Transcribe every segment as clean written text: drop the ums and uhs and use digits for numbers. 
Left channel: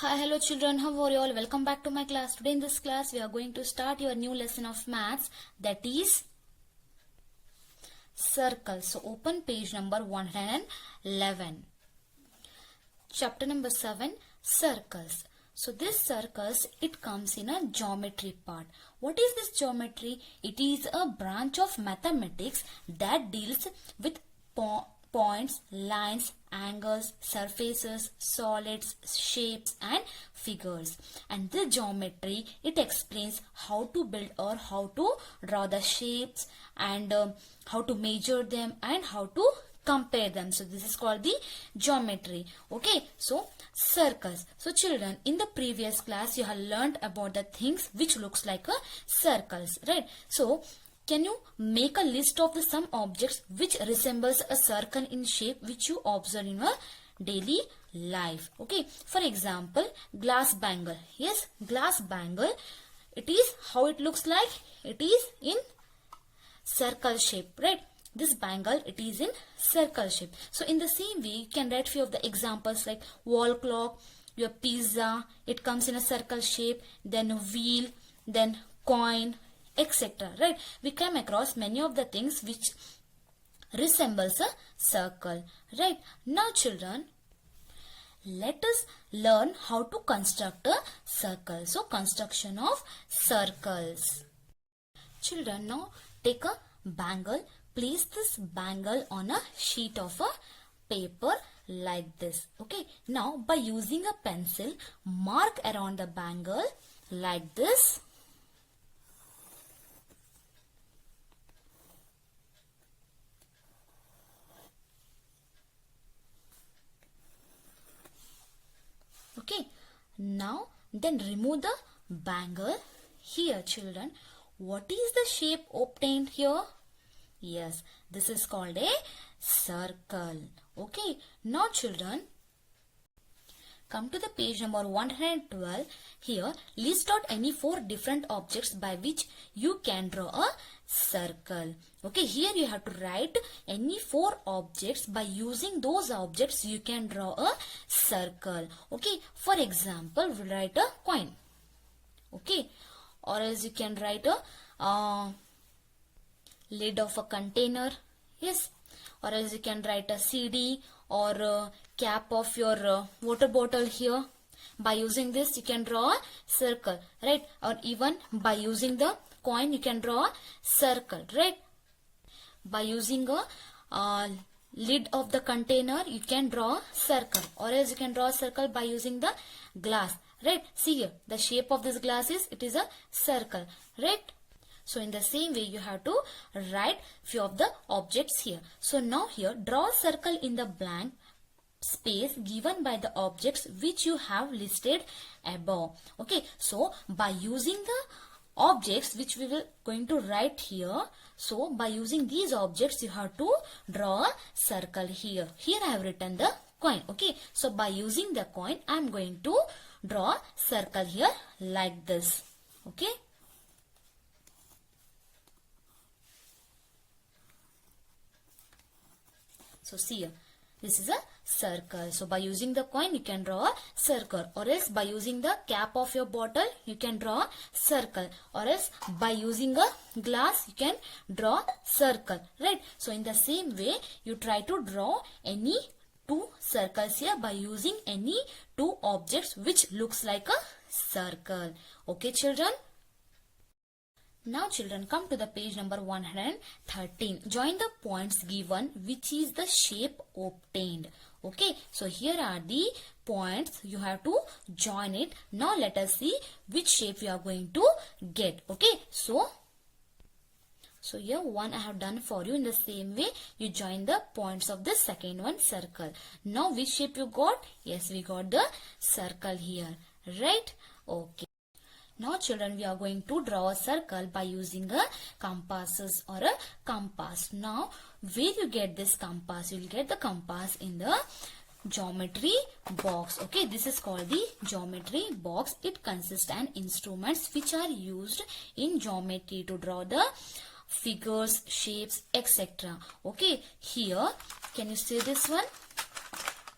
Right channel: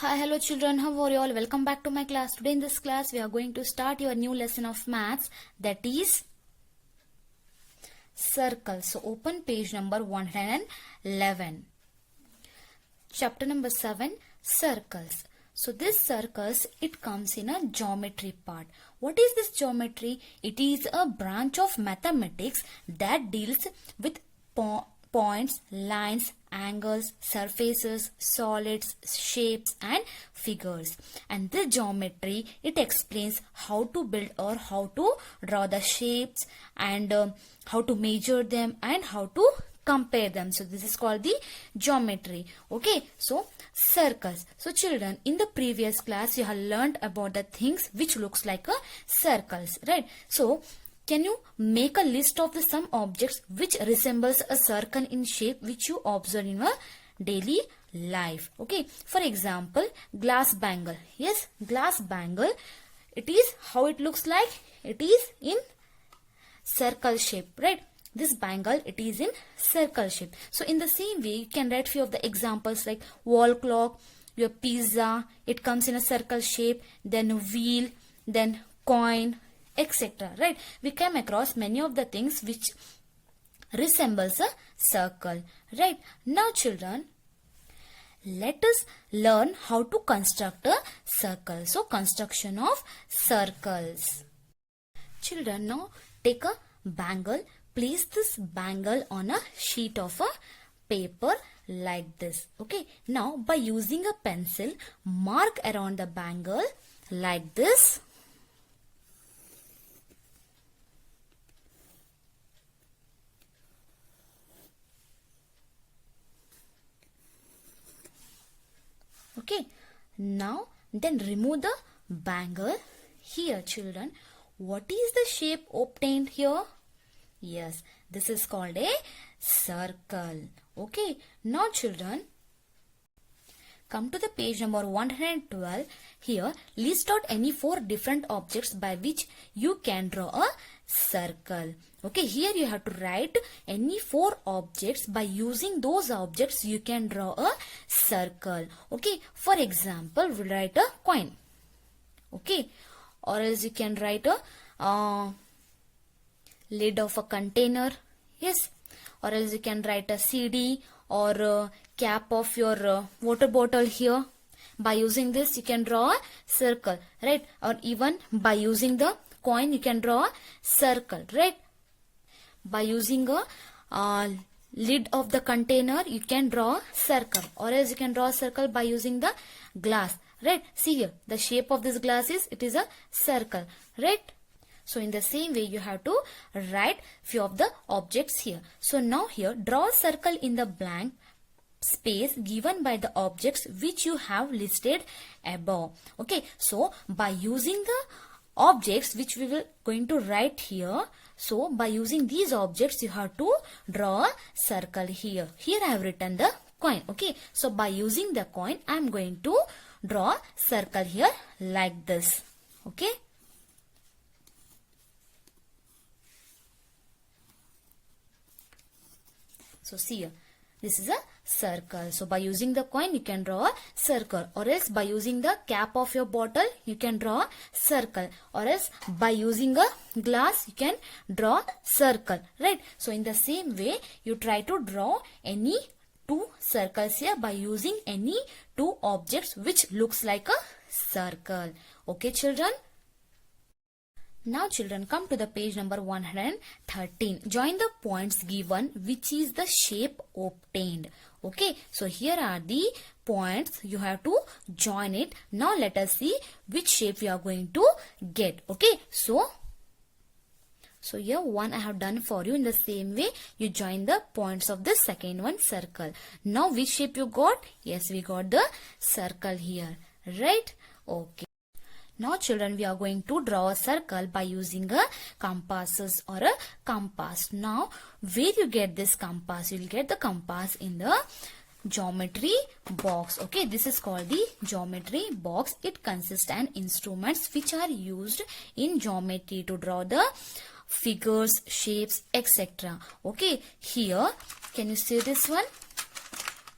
Hi, hello children, how are you all? Welcome back to my class. Today in this class, we are going to start your new lesson of maths, that is circles. So open page number 111. Chapter number 7, circles. So this circles, it comes in a geometry part. What is this geometry? It is a branch of mathematics that deals with points, lines, angles, surfaces, solids, shapes and figures. And this geometry, it explains how to build or how to draw the shapes and how to measure them and how to compare them. So this is called the geometry. Okay, so circles. So children, in the previous class you have learned about the things which looks like a circles, right? So can you make a list of the some objects which resembles a circle in shape which you observe in a daily life? Okay, for example, glass bangle. Yes, glass bangle. It is how it looks like. It is in circle shape, right? This bangle, it is in circle shape. So in the same way, you can write few of the examples like wall clock, your pizza, it comes in a circle shape, then wheel, then coin, etc. Right? We come across many of the things which resembles a circle. Right? Now children, let us learn how to construct a circle. So construction of circles. Children, now take a bangle. Place this bangle on a sheet of a paper like this. Okay. Now by using a pencil, mark around the bangle like this. Okay. Now then remove the bangle. Here children, what is the shape obtained here? Yes, this is called a circle. Okay. Now children, come to the page number 112. Here, list out any 4 different objects by which you can draw a circle. Okay, here you have to write any 4 objects. By using those objects, you can draw a circle. Okay, for example, we'll write a coin. Okay, or else you can write a lid of a container. Yes, or else you can write a CD or a cap of your water bottle here. By using this you can draw a circle, right? Or even by using the coin you can draw a circle, right? By using a lid of the container you can draw a circle, or else you can draw a circle by using the glass, right? See here, the shape of this glass is, it is a circle, right? So in the same way you have to write few of the objects here. So now here draw a circle in the blank space given by the objects which you have listed above. Okay, so by using the objects which we will going to write here, so by using these objects you have to draw a circle here. Here I have written the coin. Okay, so by using the coin I am going to draw a circle here like this. Okay. So see here, this is a circle. So by using the coin you can draw a circle, or else by using the cap of your bottle you can draw a circle, or else by using a glass you can draw a circle, right? So in the same way you try to draw any 2 circles here by using any 2 objects which looks like a circle. Okay children? Now children, come to the page number 113. Join the points given which is the shape obtained. Okay, so here are the points. You have to join it. Now let us see which shape we are going to get. Okay, so here one I have done for you. In the same way you join the points of the second one, circle. Now which shape you got? Yes, we got the circle here, right? Okay. Now children, we are going to draw a circle by using a compasses or a compass. Now where you get this compass? You will get the compass in the geometry box. Okay, this is called the geometry box. It consists of instruments which are used in geometry to draw the figures, shapes, etc. Okay, here can you see this one?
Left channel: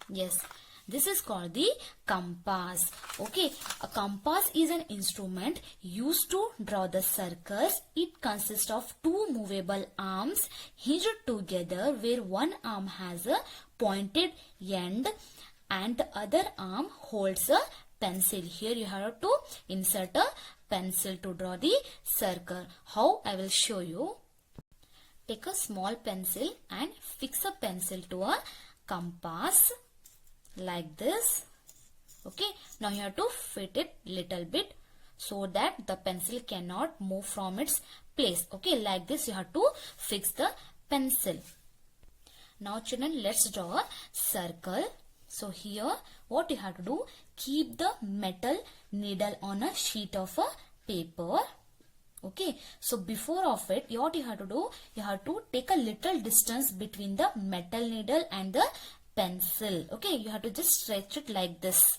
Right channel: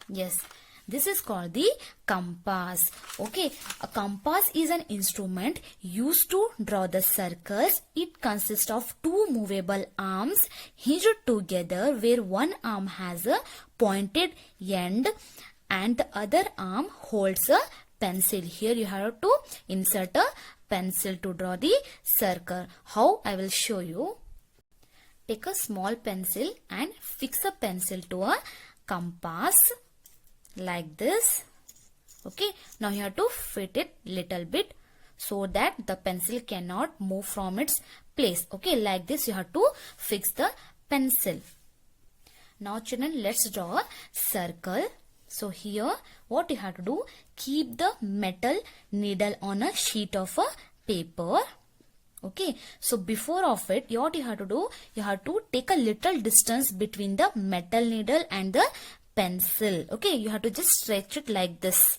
Yes, This is called the compass. Okay, a compass is an instrument used to draw the circles. It consists of two movable arms hinged together, where one arm has a pointed end and the other arm holds a pencil. Here you have to insert a pencil to draw the circle. How? I will show you. Take a small pencil and fix a pencil to a compass like this. Okay, now you have to fit it little bit so that the pencil cannot move from its place. Okay, like this you have to fix the pencil. Now children, let's draw a circle. So here what you have to do, keep the metal needle on a sheet of a paper. Okay, so before of it, what you have to do, you have to take a little distance between the metal needle and the pencil. Okay, you have to just stretch it like this.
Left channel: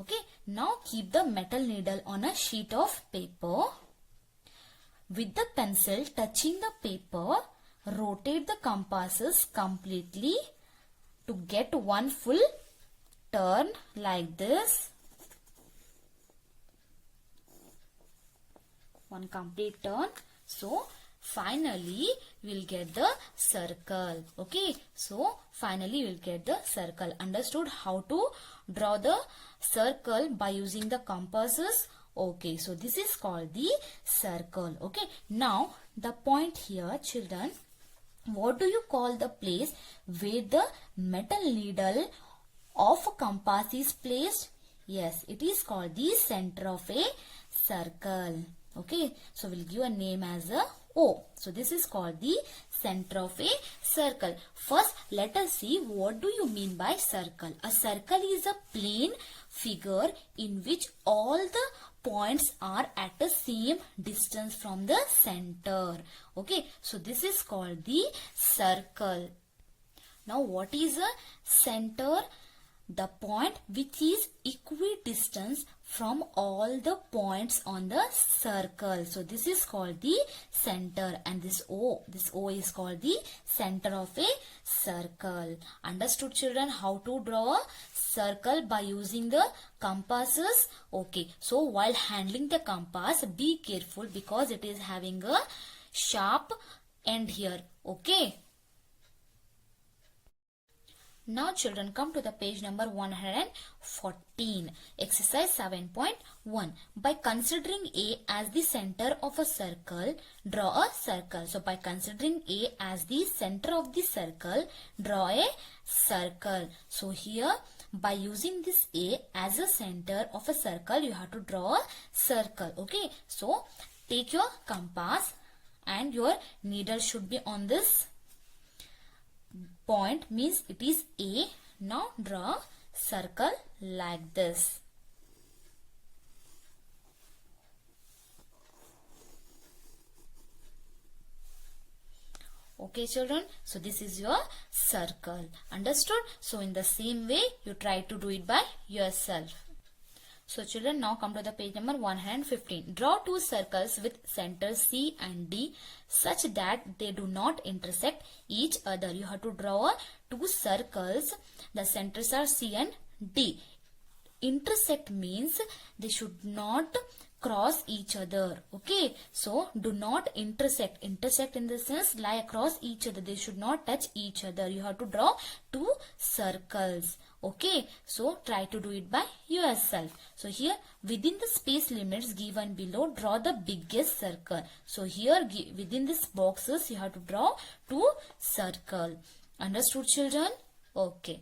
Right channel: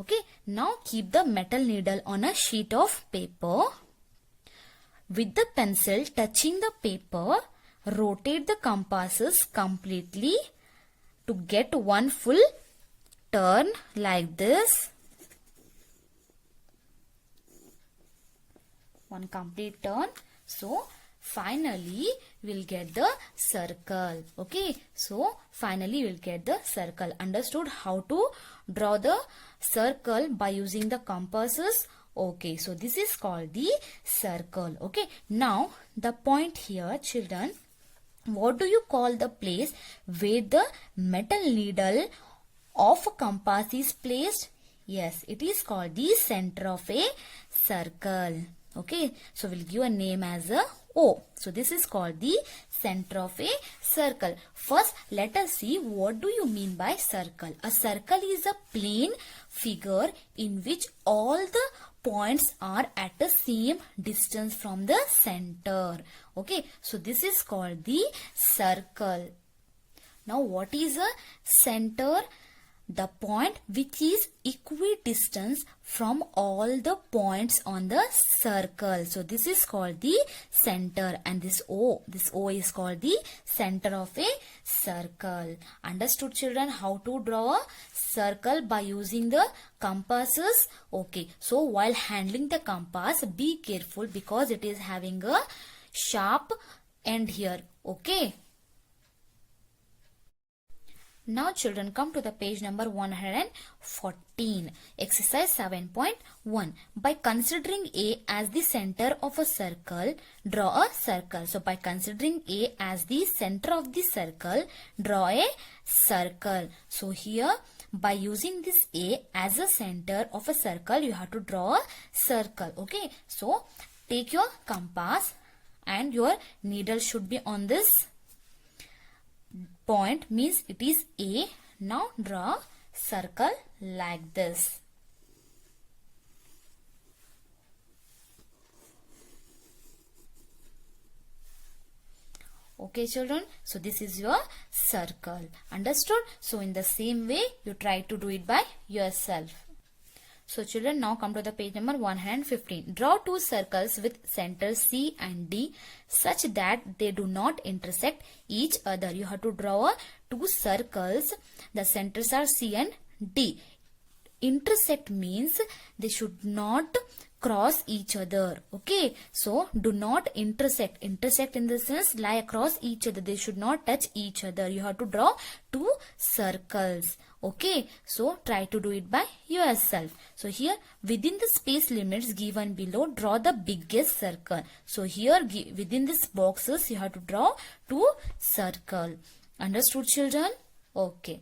Okay, now keep the metal needle on a sheet of paper. With the pencil touching the paper, rotate the compasses completely to get one full turn like this. One complete turn. So finally we'll get the circle. Okay, so finally we'll get the circle. Understood how to draw the circle by using the compasses? Okay, so this is called the circle. Okay, now the point here, children, what do you call the place where the metal needle of a compass is placed? Yes, it is called the center of a circle. Okay, so we'll give a name as a O. So this is called the center of a circle. First, let us see what do you mean by circle. A circle is a plane figure in which all the points are at the same distance from the center. Okay, so this is called the circle. Now what is a center? The point which is equidistant from all the points on the circle. So this is called the center, and this O is called the center of a circle. Understood children how to draw a circle by using the compasses? Okay, so while handling the compass, be careful because it is having a sharp end here. Okay. Now children, come to the page number 114. Exercise 7.1. By considering A as the center of a circle, draw a circle. So by considering A as the center of the circle, draw a circle. So here by using this A as a center of a circle, you have to draw a circle. Okay. So take your compass and your needle should be on this point, means it is A. Now draw circle like this. Okay children, so this is your circle. Understood? So in the same way you try to do it by yourself. So children, now come to the page number 115. Draw two circles with centers C and D such that they do not intersect each other. You have to draw two circles. The centers are C and D. Intersect means they should not cross each other. Okay, so do not intersect. Intersect in the sense lie across each other. They should not touch each other. You have to draw two circles. Okay, so try to do it by yourself. So here within the space limits given below, draw the biggest circle. So here within these boxes you have to draw two circles. Understood children? Okay.